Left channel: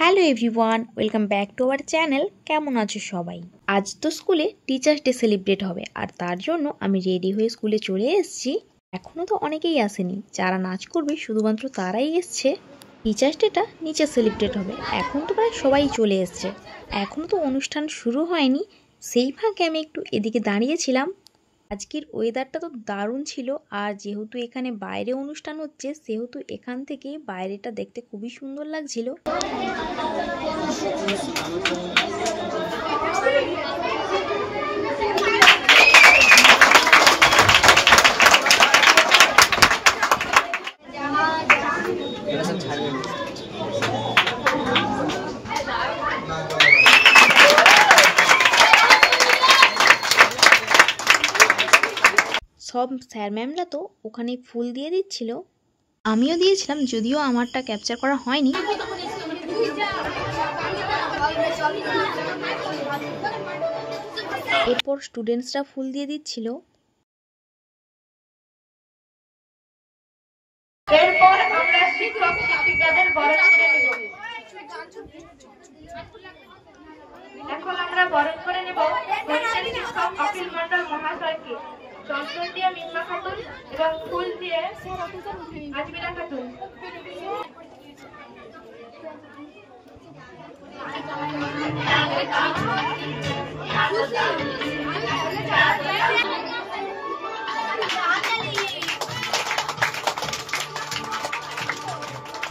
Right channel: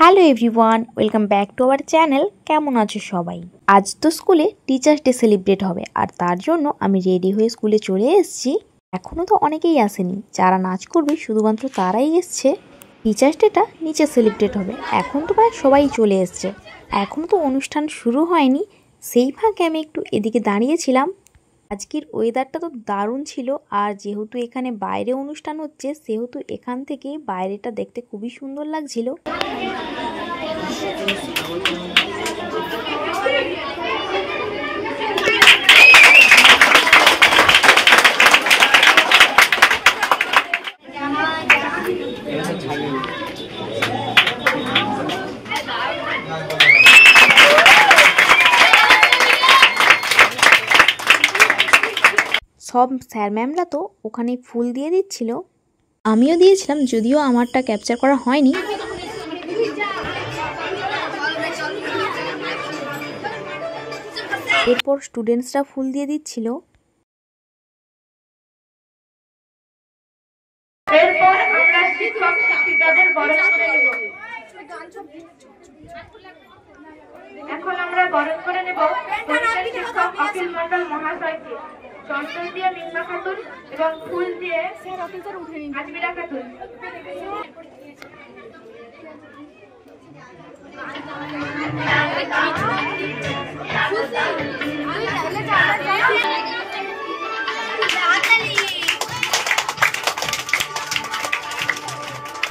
Hello everyone, welcome back to our channel. কেমন আছো সবাই? আজ তো স্কুলে টিচার্স ডে সেলিব্রেট হবে, আর তার জন্য আমি রেডি হয়ে স্কুলে চলে এসেছি। এখনও তো অনেকেই আসেনি, যারা নাচ করবে শুধুমাত্র তারাই এসছে। টিচার্স ডেটা নিচে সেলিব্রেট হবে, এখন তো প্রায় সবাই চলে এসছে। এখনও তো অনুষ্ঠান শুরু হয়নি, সেই ফাঁকে আমি একটু এদিকে দাঁড়িয়েছিলাম। আজকের ওয়েদারটা তো দারুণ ছিল, আর যেহেতু এখানে বাইরে অনুষ্ঠান হচ্ছে সেহেতু এখান থেকে বাইরেটা দেখতে খুবই সুন্দর লাগছিল। সব স্যার ম্যামরা তো ওখানে ফুল দিয়ে দিচ্ছিল, আমিও দিয়েছিলাম, যদিও আমারটা ক্যাপচার করা হয়নি। এরপর স্টুডেন্টসরা ফুল দিয়ে দিচ্ছিল। এখন আমরা বরণ করে নেব শিক্ষক অখিল মন্ডল মহাশয়কে। চন্দন দিয়ে মিন্না খাতুন এবং ফুল দিয়ে আজমিরা খাতুন।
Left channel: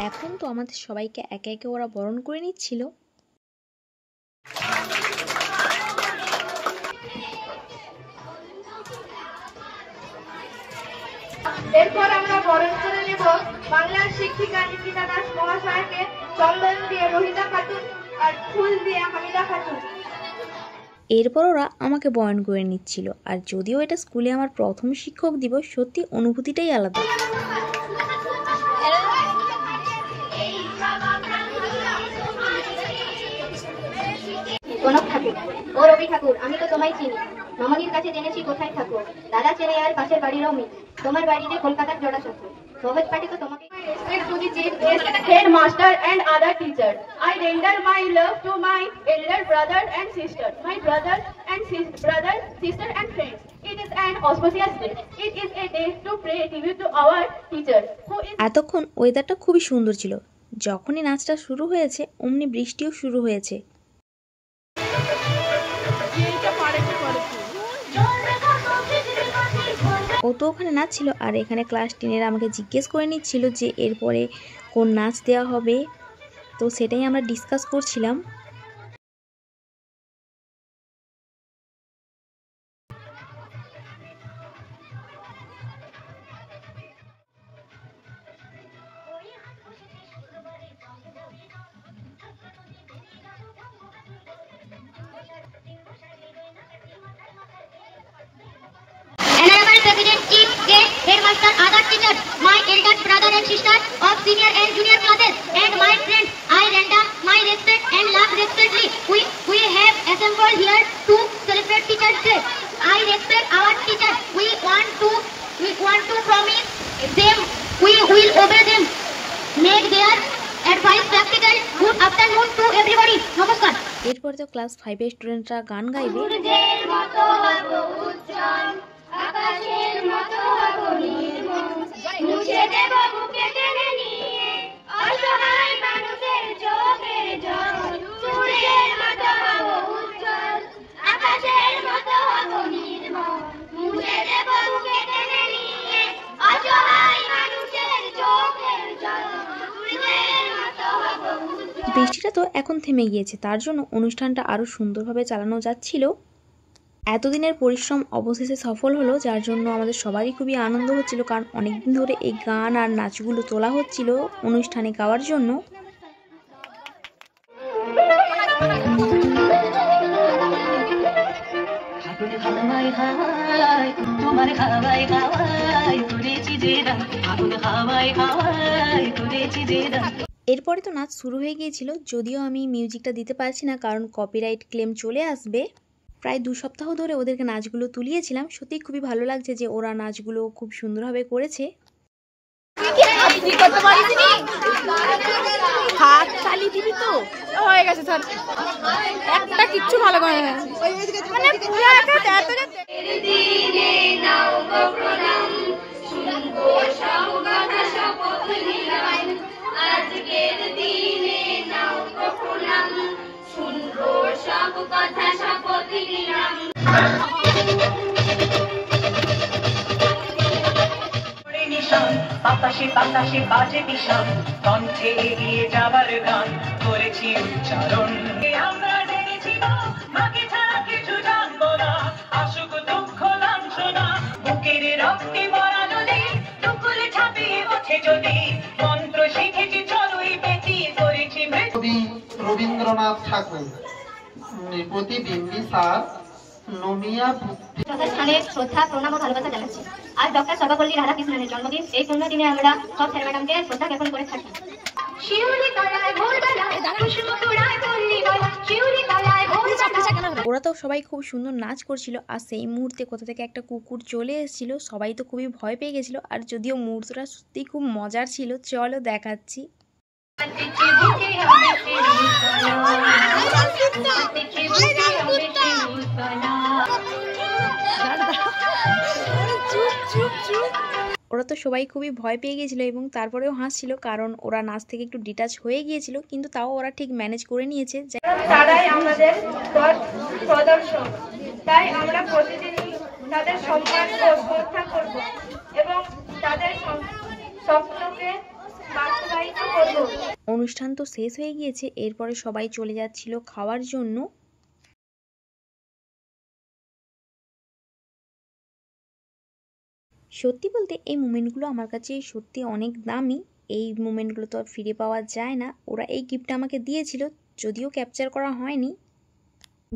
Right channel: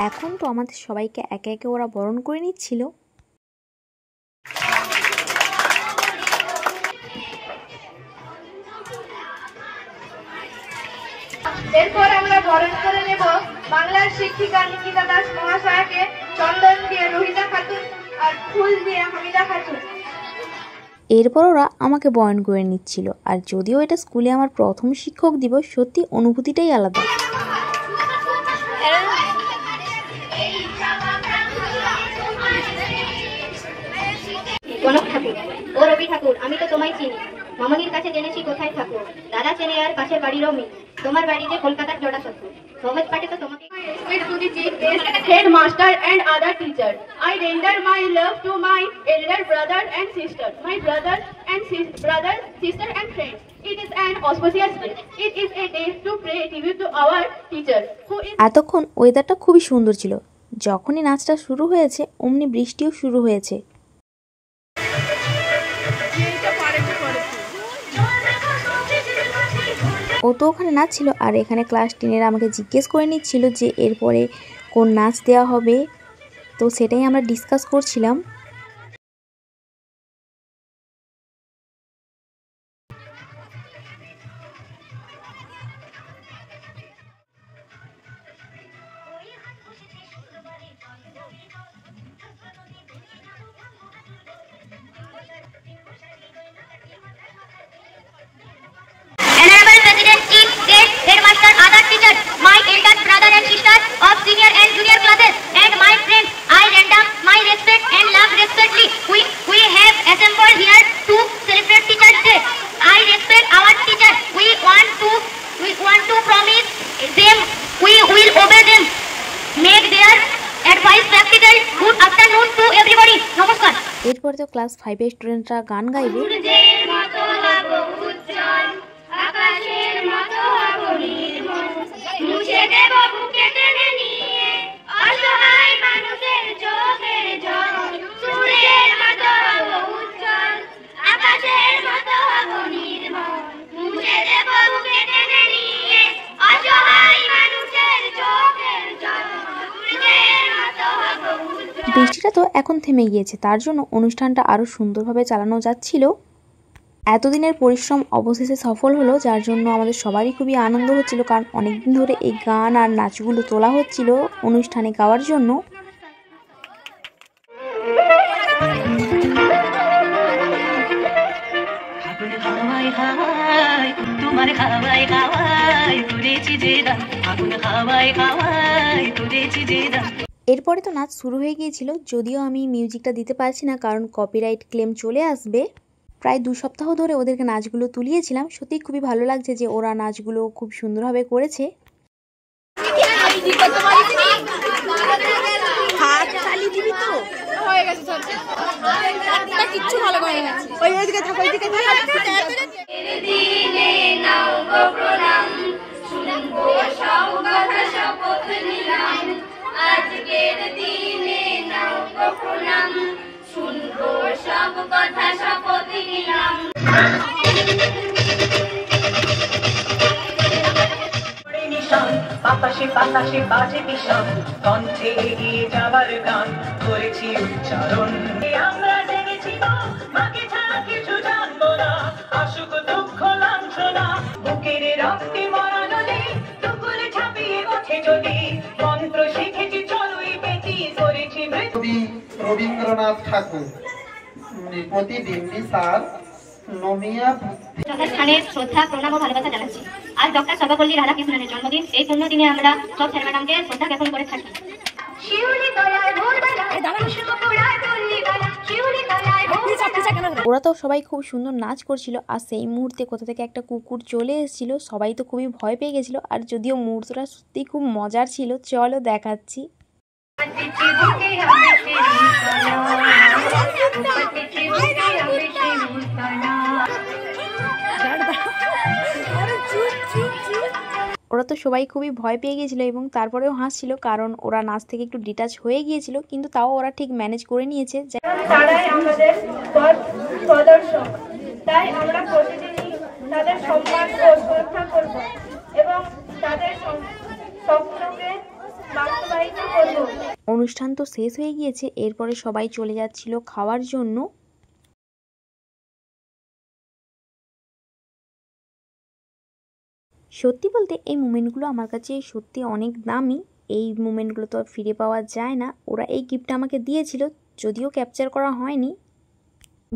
এখন তো আমাদের সবাইকে একে একে ওরা বরণ করে নিচ্ছিল। এরপর আমরা বরণ করে নেব বাংলার শিক্ষিকা নিকিতা দাস মহাশয়কে। চন্দন দিয়ে রোহিতা খাতুন আর ফুল দিয়ে হামিদা খাতুন। এরপর ওরা আমাকে বরণ করে নিচ্ছিল, আর যদিও এটা স্কুলে আমার প্রথম শিক্ষক দিবস, সত্যি অনুভূতিটাই আলাদা। কনক ঠাকুর ও রবি ঠাকুর, আমি তো তোমায় চিনি, মামনির কাছে জেনেছি কোথায় থাকো, দাদা চেনে আর পাশের বাড়িরও মেয়ে, তোমার বাড়িতে কলকাতার জোড়া সত্য, সহজ পাঠে তো তোমাকে। Headmaster and other teachers, I render my love to my elder brother and sister, my brothers and sister and friends. It is an auspicious day. It is a day to pay tribute to our teacher who is. এতক্ষণ ওয়েদারটা খুবই সুন্দর ছিল, যখনই নাচটা শুরু হয়েছে অমনি বৃষ্টিও শুরু হয়েছে। ও তো ওখানে নাচছিল, আর এখানে ক্লাস 10-এর আমাকে জিজ্ঞেস করে নিচ্ছিল যে এরপরে কোন নাচ দেওয়া হবে, তো সেটাই আমরা ডিসকাস করছিলাম। Honorable President, Chief Guest, Headmaster, other teachers, my elder brother and sister of senior and junior classes, and my friends, I render my respect and love respectfully. We have assembled here to celebrate Teachers' Day. I respect our teachers. We want to promise them we will obey them. Make their advice practical. Good afternoon to everybody. Namaskar. এরপরে তো class 5-এর স্টুডেন্টরা গান গাইবে। আকাশের মতো হব নির্মল, মুছে দেব বুকে টেনে নিয়ে অসহায় মানুষের চোখের জল। সূর্যের মতো হব উজ্জ্বল, আকাশের মতো হব নির্মল, মুছে দেব বুকে টেনে নিয়ে অসহায় মানুষের চোখের জল। সূর্যের মতো হব উজ্জ্বল। বৃষ্টিটা তো এখন থেমে গিয়েছে, তার জন্য অনুষ্ঠানটা আরো সুন্দরভাবে চালানো যাচ্ছিল। এতদিনের পরিশ্রম অবশেষে সফল হলো, যার জন্য আমাদের সবারই খুবই আনন্দ হচ্ছিল, কারণ অনেকদিন ধরে এই গান আর নাচগুলো তোলা হচ্ছিল অনুষ্ঠানে গাওয়ার জন্য। এরপরে তো নাচ শুরু হয়ে গিয়েছিল, যদিও আমি মিউজিকটা দিতে পারছি না কারণ কপিরাইট ক্লেম চলে আসবে। প্রায় 2 সপ্তাহ ধরে ওদেরকে নাচগুলো তুলিয়েছিলাম, সত্যিই খুবই ভালো লাগছে যে ওরা নাচগুলো খুব সুন্দরভাবে করেছে। হাত তালি দিবি তো হয়ে গেছে স্যার একটা কিচ্ছু ভালো করে না ওইদিকে থাকো ওইদিকে দিনে নাও গো প্রণাম শুনবো সব কথা শপথ নিলাম আজকের দিনে নাও গো প্রণাম শুনবো সব কথা শপথ নিলাম বাতাসে বাতাসে বাজে বিষম কণ্ঠে এগিয়ে যাবার গান করেছি উচ্চারণ আমরা জেনেছি মাকে ছাড়া কিছু জানবো না আসুক দুঃখ লাঞ্ছনা বুকের রক্তে মরা নদী টুকুরে ছাপিয়ে ওঠে যদি মন্ত্র শিখেছি চলুই বেটি করেছি কবি রবীন্দ্রনাথ ঠাকুর প্রতিবিম্বি স্যার নমিয়া ডক্টর খানের শ্রদ্ধা প্রণাম ও ভালোবাসা জানাচ্ছি। আজ ডক্টর সর্বপল্লী রাধাকৃষ্ণনের জন্মদিন। এই পূর্ণ দিনে আমরা সব স্যার ম্যাডামকে শ্রদ্ধা জ্ঞাপন করে থাকি। ওরা তো সবাই খুব সুন্দর নাচ করছিল আর সেই মুহূর্তে কোথা থেকে একটা কুকুর চলে এসেছিল। সবাই তো খুবই ভয় পেয়ে গেছিল। আর যদিও মুহূর্তটা সত্যি খুব মজার ছিল, চলো দেখাচ্ছি। ওরা তো সবাই খুবই ভয় পেয়ে গিয়েছিল এবং তারপরেও হাসছিল, কারণ ওরা নাচ থেকে একটু ডিটাচ হয়ে গিয়েছিল, কিন্তু তাও ওরা ঠিক ম্যানেজ করে নিয়েছে। তারাই আমাদের প্রদর্শক, তাই আমরা প্রতিদিনই তাদের সম্মান ও শ্রদ্ধা করব এবং তাদের স্বপ্নকে বাস্তবায়িত করব। অনুষ্ঠান তো শেষ হয়ে গিয়েছে, এরপরে সবাই চলে যাচ্ছিল খাওয়ার জন্য। সত্যি বলতে এই মোমেন্টগুলো আমার কাছে সত্যি অনেক দামি। এই মোমেন্টগুলো তো আর ফিরে পাওয়া যায় না। ওরা এই গিফটটা আমাকে দিয়েছিল, যদিও ক্যাপচার করা হয়নি।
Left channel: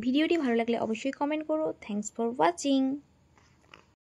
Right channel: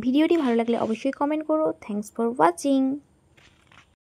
ভিডিওটি ভালো লাগলে অবশ্যই কমেন্ট করো। Thanks for watching.